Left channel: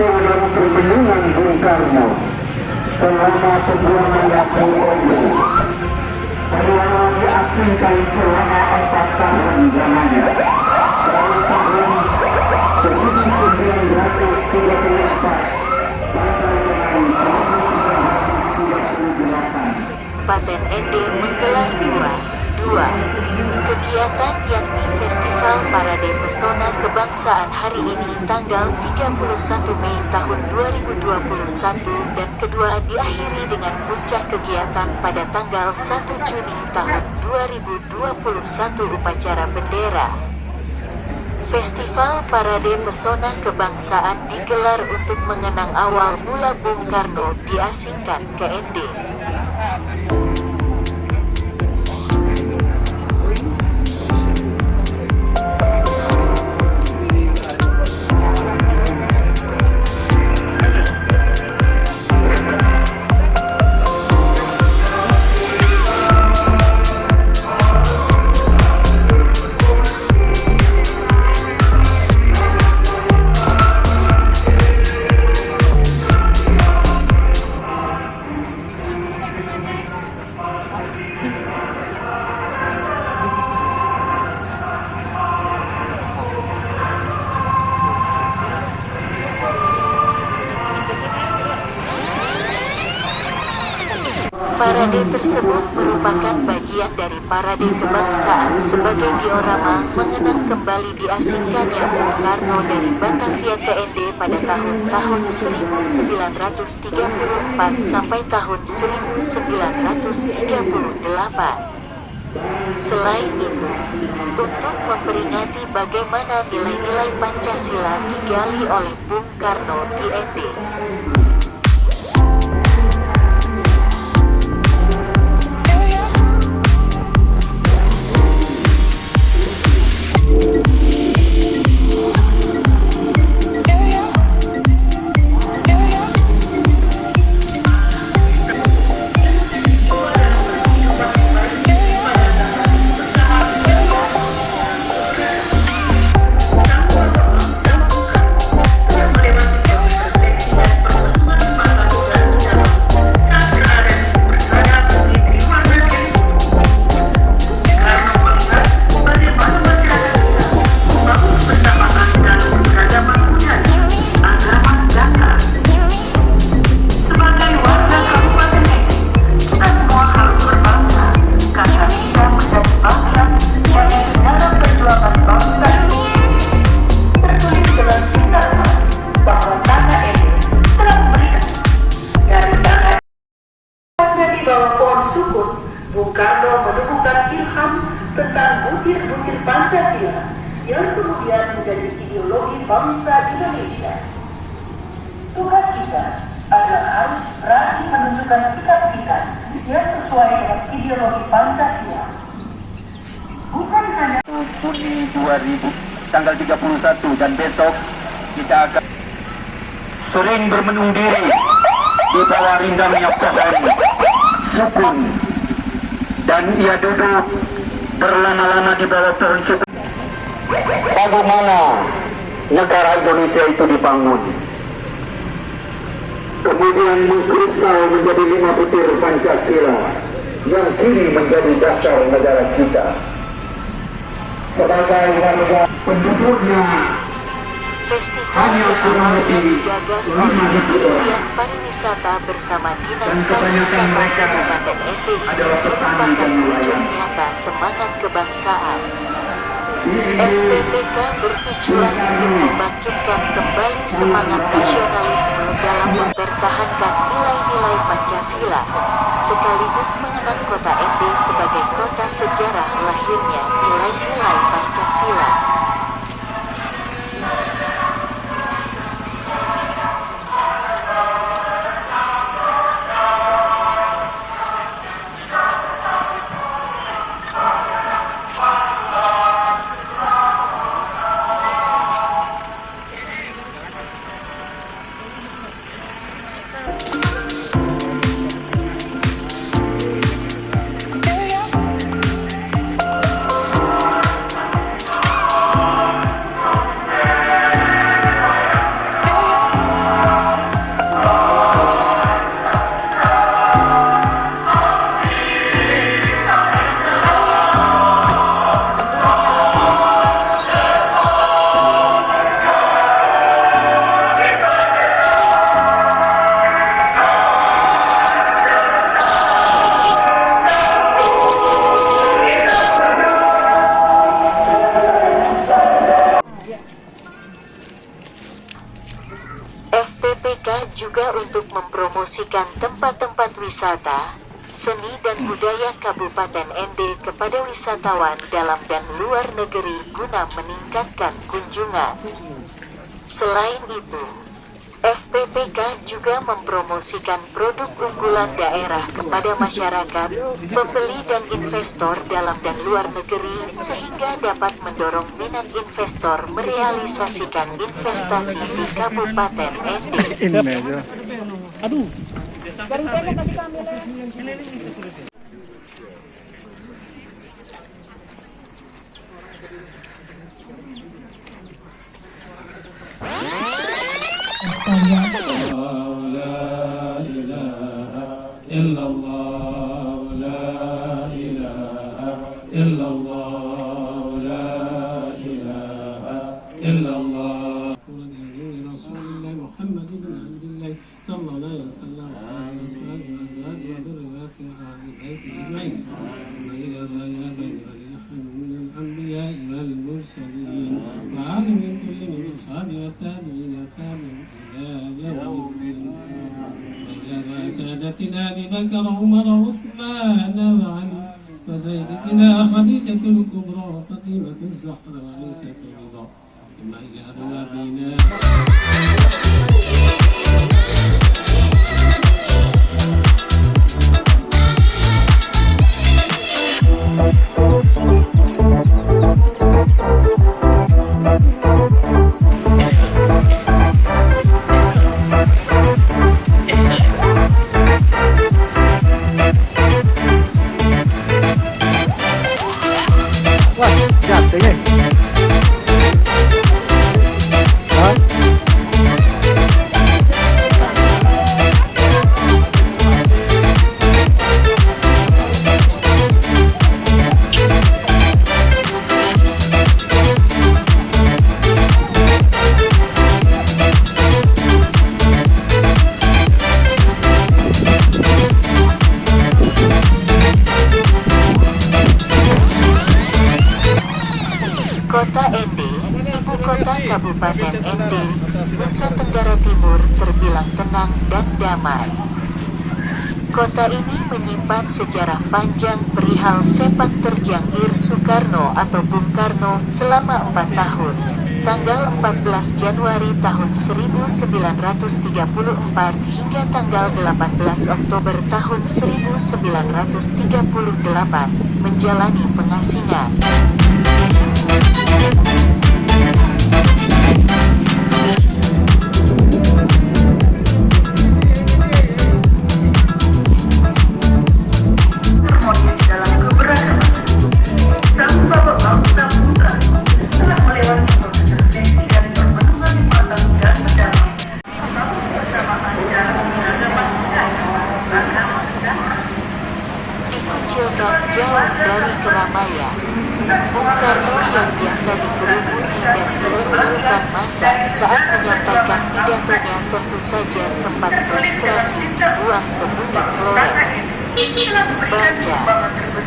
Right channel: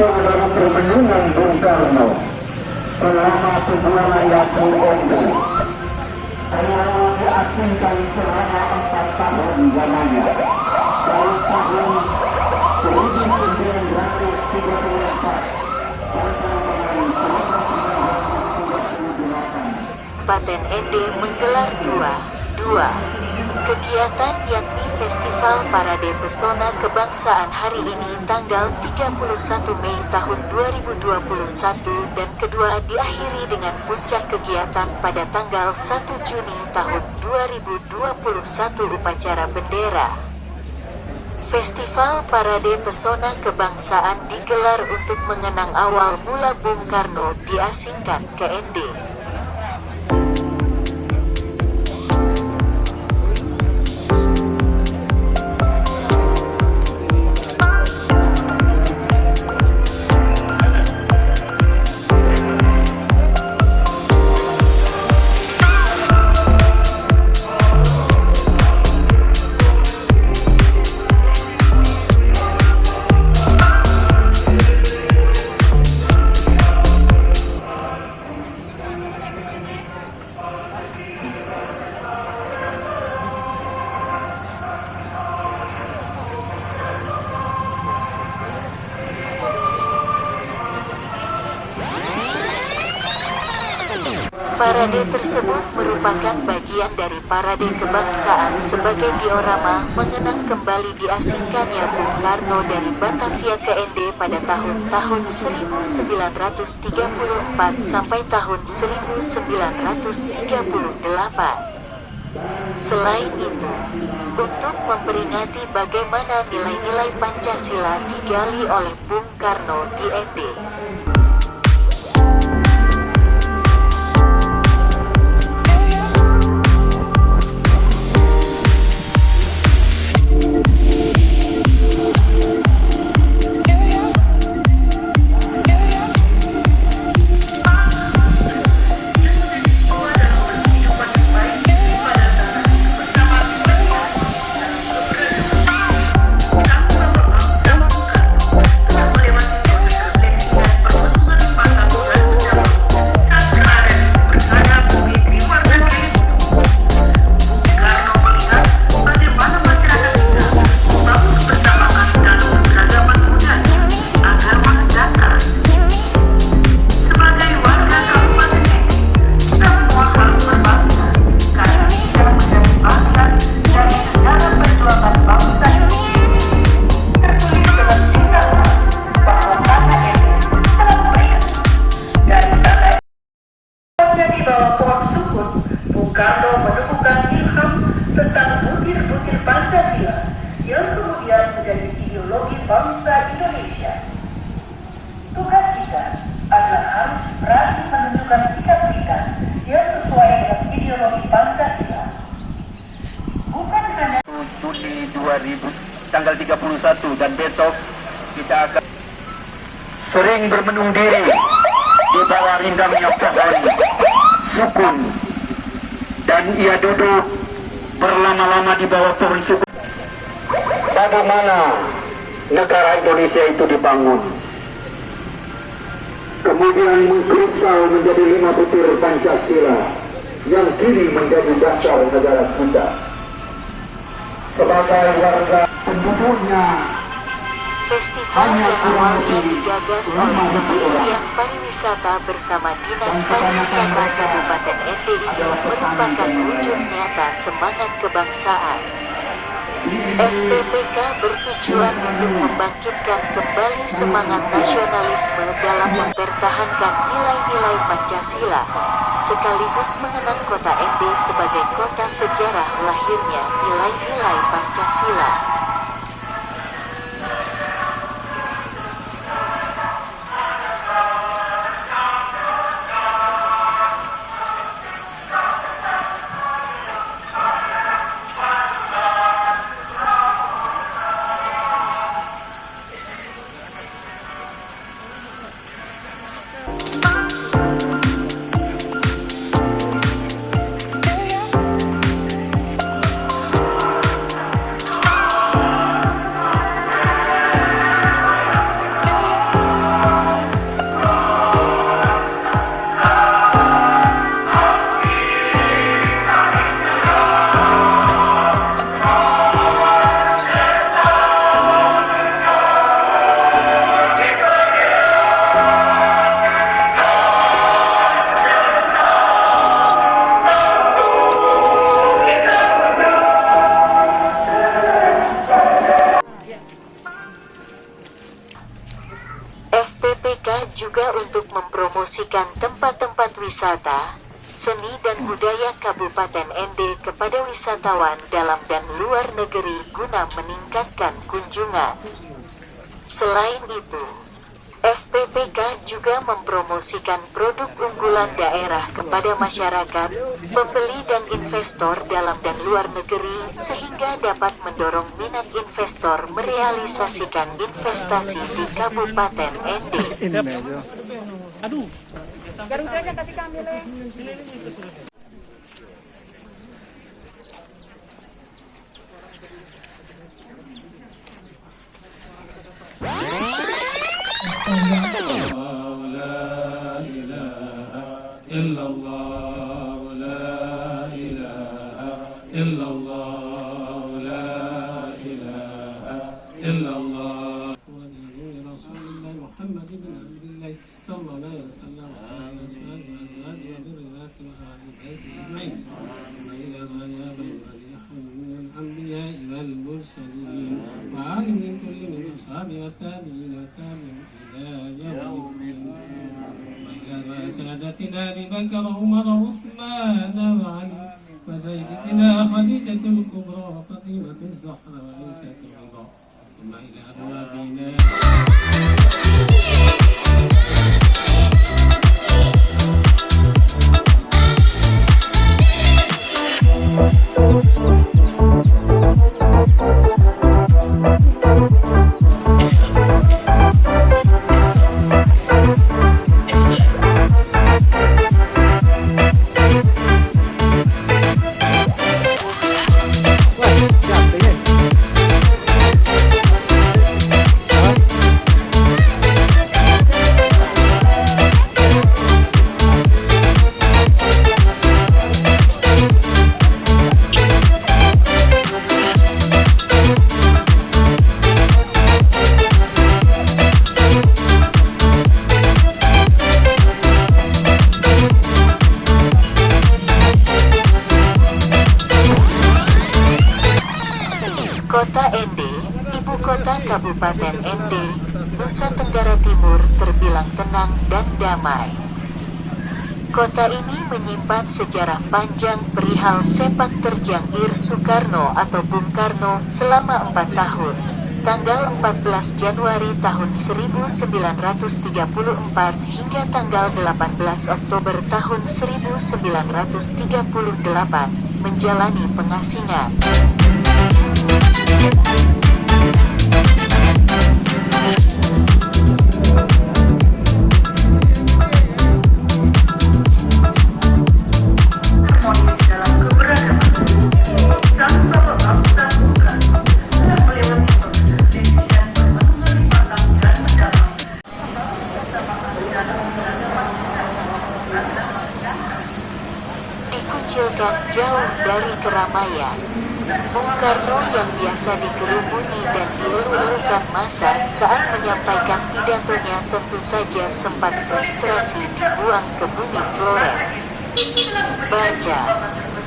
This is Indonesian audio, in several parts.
hasil dari permenungan Bung Karno selama perjuangan Lampung Ondo. Beliau diasingkan selama 4 tahun lamanya dari tahun 1934 sampai dengan 1938. Kabupaten ND menggelar dua kegiatan, yakni Festival Parade Pesona Kebangsaan hari ini tanggal 31 Mei tahun 2021 dan kedua diakhiri dengan puncak kegiatan pada tanggal 1 Juni tahun 2021 upacara bendera. Festival Parade Pesona Kebangsaan digelar untuk mengenang awal mula Bung Karno diasingkan ke ND. Parade tersebut merupakan bagian dari parade kebangsaan sebagai diorama mengenang kembali diasingkannya Bung Karno dari Batavia ke ND pada tahun 1934 sampai tahun 1938. Selain itu, untuk memperingati bagaimana nilai-nilai Pancasila digali oleh Bung Karno di ND. Di bawah pohon sukun, Bung Karno menemukan ilham tentang butir-butir Pancasila yang kemudian menjadi ideologi bangsa Indonesia. Tugas kita adalah harus berani menunjukkan sikap kita yang sesuai dengan ideologi Pancasila. Bukan hanya Juni 2000 tanggal 31 dan besok kita akan sering bermenung diri di bawah rindangnya pohon sukun, dan ia duduk berlama-lama di bawah pohon sukun. Bagaimana negara Indonesia itu dibangun, kemudian mengkristal menjadi 5 butir Pancasila yang kini menjadi dasar negara kita. Sebagai warga penduduknya, Festival yang awalnya digagas oleh Kementerian Pariwisata bersama Dinas Pariwisata Kabupaten ND ini merupakan wujud nyata semangat kebangsaan. FPPK bertujuan untuk membangkitkan kembali semangat nasionalisme dalam mempertahankan nilai-nilai Pancasila, sekaligus mengenang kota ND sebagai kota sejarah lahirnya nilai-nilai Pancasila. FPPK juga untuk mempromosikan tempat-tempat wisata, seni dan budaya Kabupaten ND kepada wisatawan dalam dan luar negeri guna meningkatkan kunjungan. Selain itu, FPPK juga mempromosikan produk unggulan daerah kepada masyarakat, pembeli dan investor dalam dan luar negeri sehingga dapat mendorong minat investor merealisasikan investasi di Kabupaten ND. Aduh, garudanya kasih kami lah. سادتنا ببكر عمر عثمان وعلي وسيدتنا خديجة الكبرى فاطمة الزهراء وعيسى الرضا ثم إلى أبوابنا. Kota ND, ibu kota Kabupaten ND, Nusa Tenggara Timur terbilang tenang dan damai. Kota ini menyimpan sejarah panjang perihal sepak terjang Ir Soekarno atau Bung Karno selama 4 tahun, tanggal 14 Januari tahun 1934 hingga tanggal 18 Oktober tahun 1938, menjalani pengasingan. Dikucilkan jauh dari keramaian, Bung Karno yang biasa dikerumuni dan dielu-elukan massa saat menyampaikan pidatonya tentu saja sempat frustrasi dibuang ke bumi Flores. Baca,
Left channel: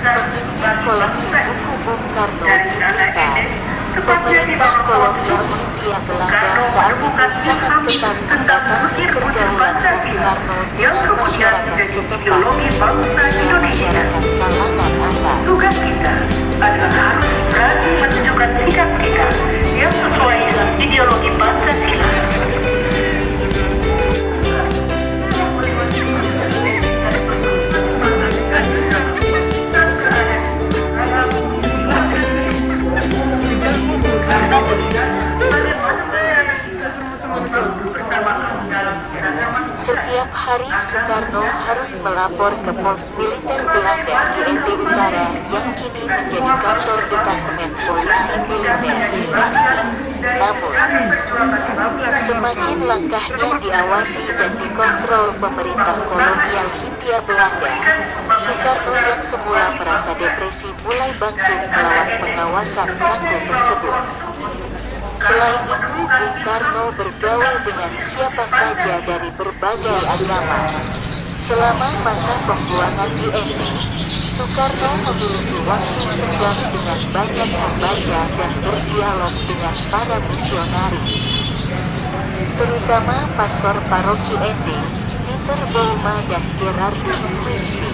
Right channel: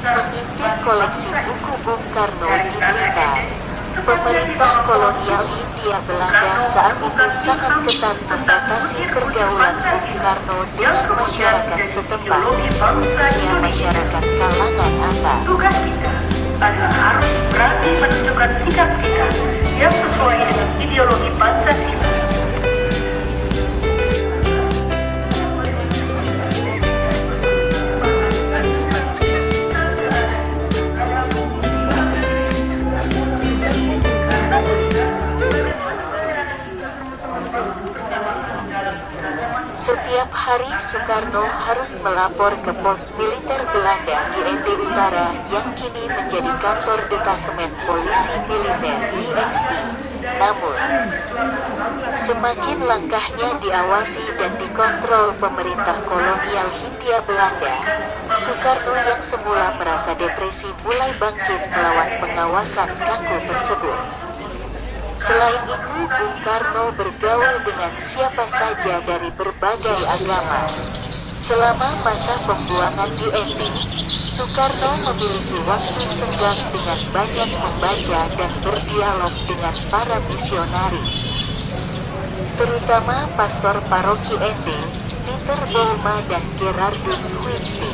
mengintip koleksi buku Bung Karno di Blitar. Pemerintah kolonial Hindia Belanda saat itu sangat ketat membatasi pergaulan Bung Karno dengan masyarakat setempat, khususnya masyarakat kalangan atas. Tugas kita adalah harus berani menunjukkan sikap kita yang sesuai dengan ideologi Pancasila. Setiap hari Soekarno harus melapor ke pos militer Belanda di ND Utara yang kini menjadi kantor detasemen polisi militer IXI. Namun, semakin langkahnya diawasi dan dikontrol pemerintah kolonial Hindia Belanda, Soekarno yang semula merasa depresi mulai bangkit melawan pengawasan kaku tersebut. Selain itu, Bung Karno bergaul dengan siapa saja dari berbagai agama. Selama masa pembuangan di ND, Soekarno memiliki waktu senggang dengan banyak membaca dan berdialog dengan para misionaris. terutama Pastor Paroki Ende, Peter Bouma dan Gerardus Huichli.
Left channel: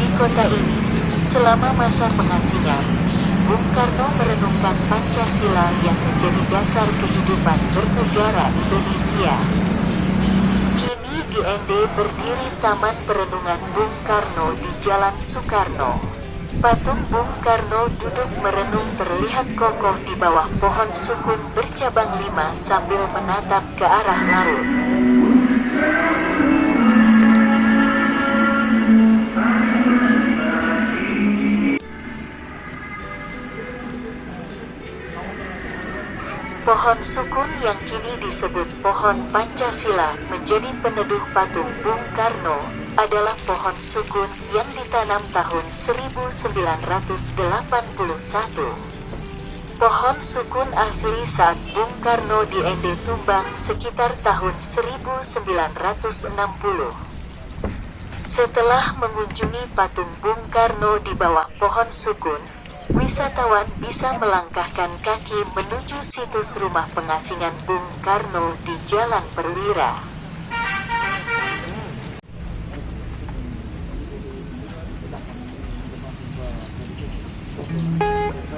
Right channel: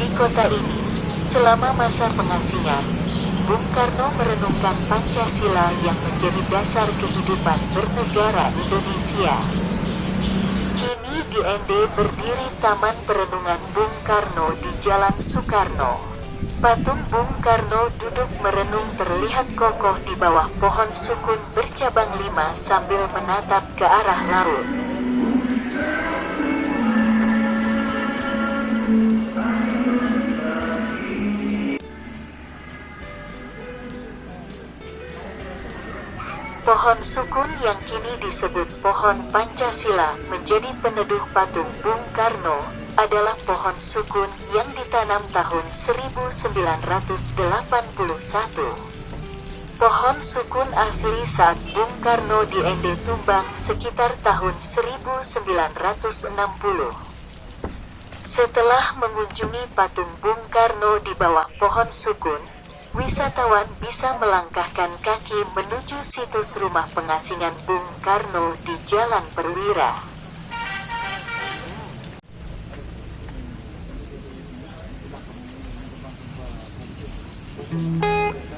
Di kota ini, selama masa pengasingan, Bung Karno merenungkan Pancasila yang menjadi dasar kehidupan bernegara Indonesia. Kini di Ende berdiri Taman Perenungan Bung Karno di Jalan Soekarno. Patung Bung Karno duduk merenung terlihat kokoh di bawah pohon sukun bercabang 5 sambil menatap ke arah laut. Pohon sukun yang kini disebut pohon Pancasila menjadi peneduh patung Bung Karno, adalah pohon sukun yang ditanam tahun 1981. Pohon sukun asli saat Bung Karno di Ende tumbang sekitar tahun 1960. Setelah mengunjungi patung Bung Karno di bawah pohon sukun, wisatawan bisa melangkahkan kaki menuju situs rumah pengasingan Bung Karno di Jalan Perwira.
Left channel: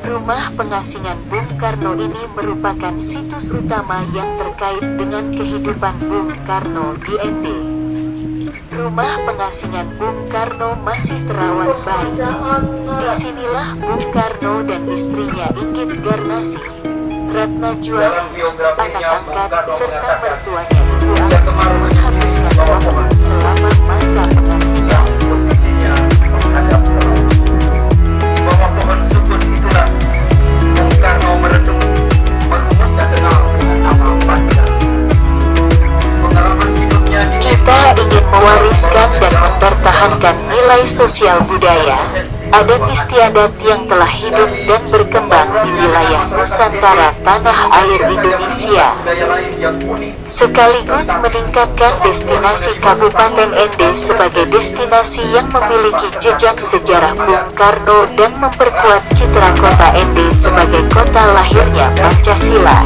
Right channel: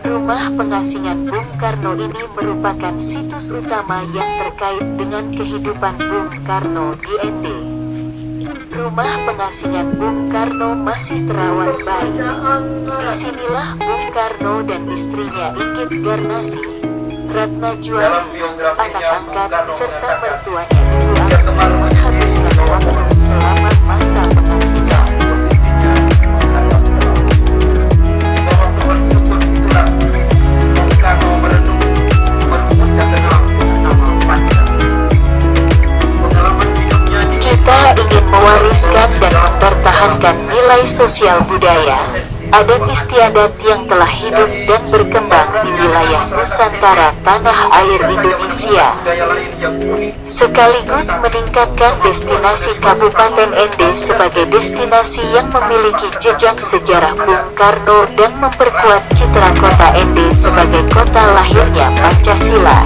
Rumah pengasingan Bung Karno ini merupakan situs utama yang terkait dengan kehidupan Bung Karno di Ende. Rumah pengasingan Bung Karno masih terawat baik. Disinilah Bung Karno dan istrinya Inggit Garnasi, Ratna Juari, anak angkat, serta mertuanya Ibu Aksi menghabiskan waktu selama masa pengasingan. Kita ingin mewariskan dan mempertahankan nilai sosial budaya, adat istiadat yang telah hidup dan berkembang di wilayah Nusantara tanah air Indonesia, sekaligus meningkatkan destinasi Kabupaten Ende sebagai destinasi yang memiliki jejak sejarah Bung Karno dan memperkuat citra kota Ende sebagai kota lahirnya Pancasila.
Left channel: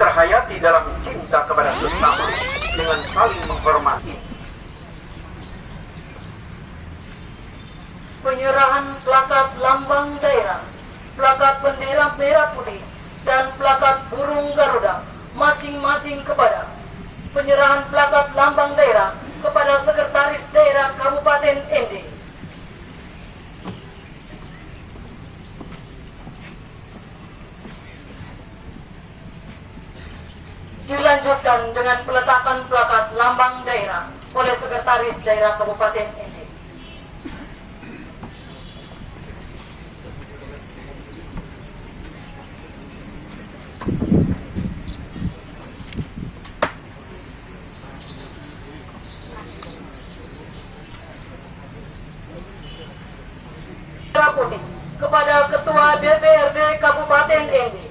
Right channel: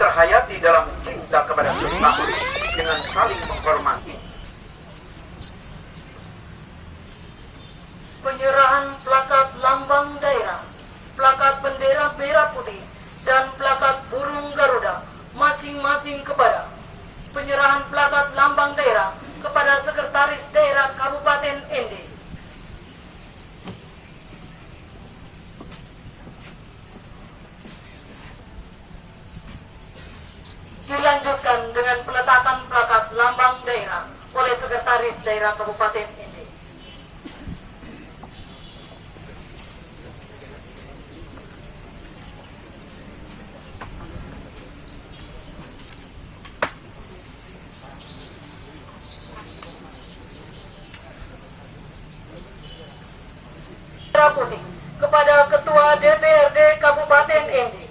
Terhayati dalam cinta kepada Tuhan dengan saling menghormati. Penyerahan plakat lambang daerah, plakat bendera merah putih, dan plakat burung Garuda masing-masing kepada penyerahan plakat lambang daerah kepada Sekretaris Daerah Kabupaten Ende. Dilanjutkan dengan peletakan plakat lambang daerah oleh Sekretaris Daerah Kabupaten Ende. Merah putih kepada Ketua DPRD Kabupaten Ende.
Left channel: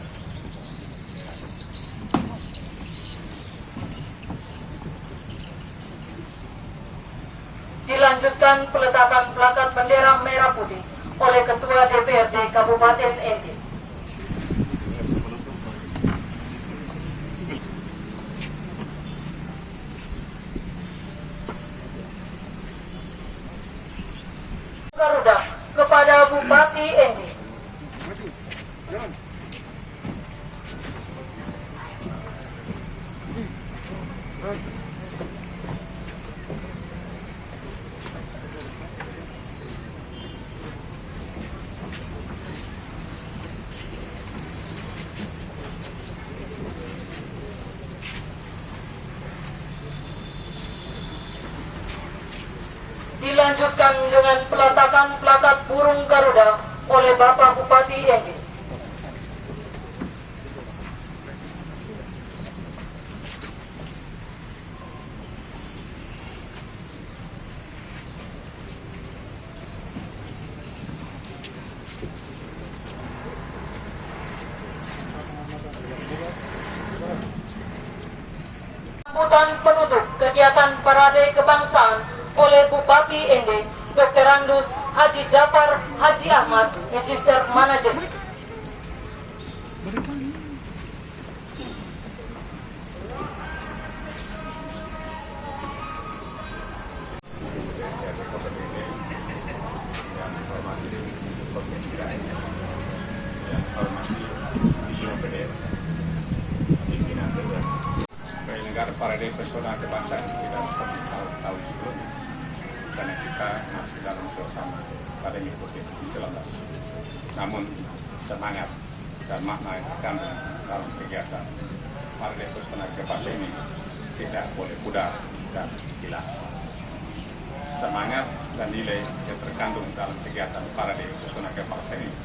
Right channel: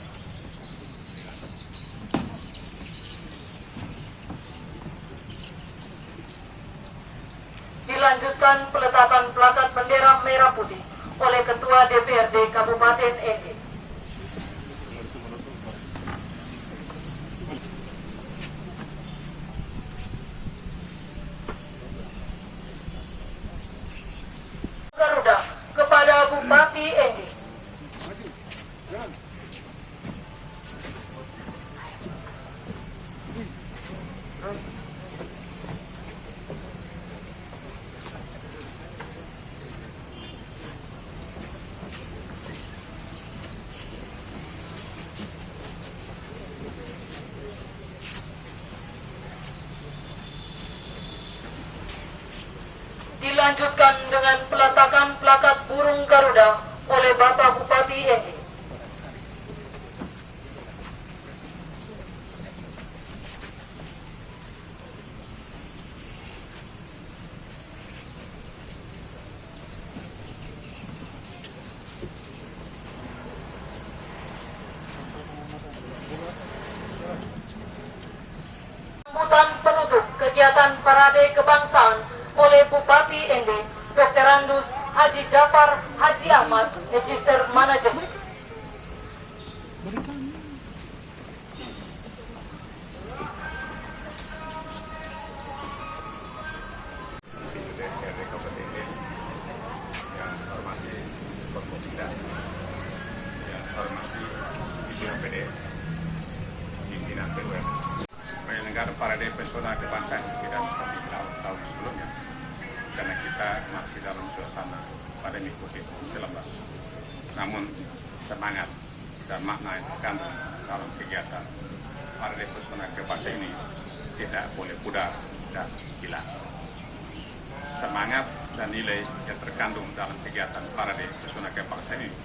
Dilanjutkan peletakan plakat bendera merah putih oleh Ketua DPRD Kabupaten Ende. Garuda kepada Bupati Ende. Dilanjutkan dengan peletakan plakat burung Garuda oleh Bapak Bupati Ende. sambutan penutup kegiatan parade kebangsaan oleh Bupati Ende, Dr. Andus Haji Jafar Haji Ahmad, Register Manager. Penyelenggara parade pesona kebangsaan tidak seperti tahun sebelumnya karena kita masih dalam suasana pandemi COVID-19. Namun semangat dan makna yang terkandung dalam kegiatan parade pesona kebangsaan ini tidak boleh pudar dan hilang. Semangat dan nilai yang terkandung dalam kegiatan parade pesona kebangsaan ini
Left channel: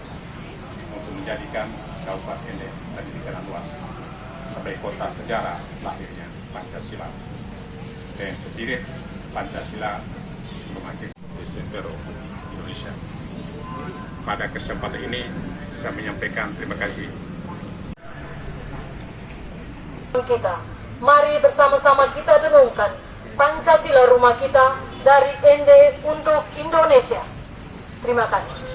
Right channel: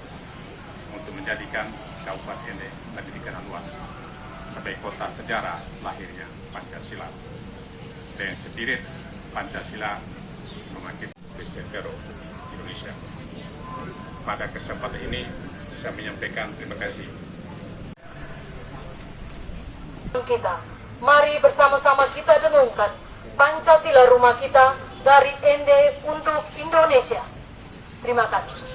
untuk menjadikan Kabupaten Ende lebih dikenal luas sebagai kota sejarah lahirnya Pancasila dan spirit Pancasila memakai Presiden Indonesia. Pada kesempatan ini saya menyampaikan terima kasih. Kita, mari bersama-sama kita dengungkan Pancasila rumah kita dari Ende untuk Indonesia. Terima kasih.